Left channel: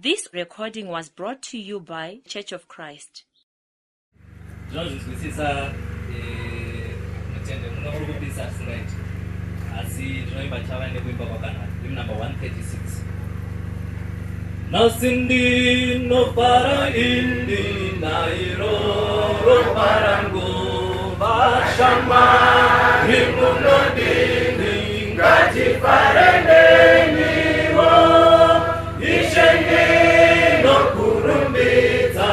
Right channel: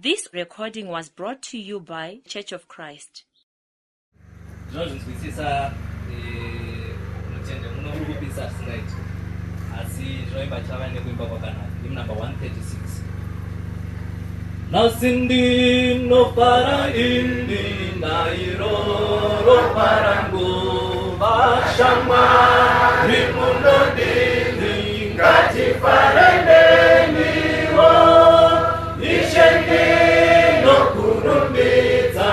This recording was brought to you by Church of Christ. Number 136. Now sindi no para indi nairo parango bashama rimuno dini ngati parendeni wo ishenge no kurumbeza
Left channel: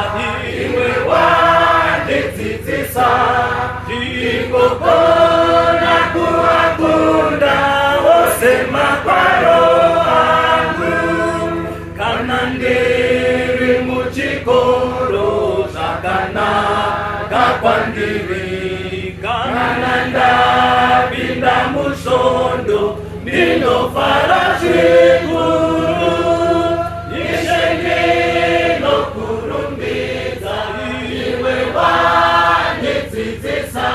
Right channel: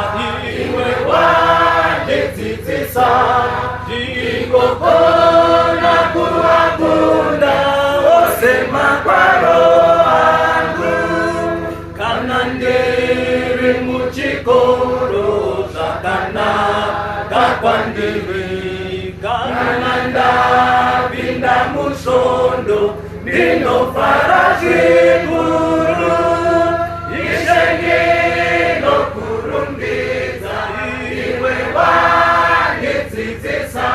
iwe wanditsitsisa ndikokona kuwakunda osema kwaro kanandiri muchikoro zvakanaka kwandiri kananda pinda musvondo ndinofara zvikuru ishenge nokurumbidza iwe wandidzidzisa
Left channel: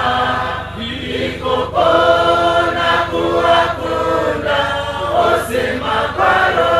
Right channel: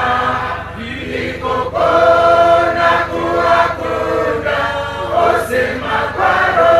ndikokona kuwakunda osema kwaro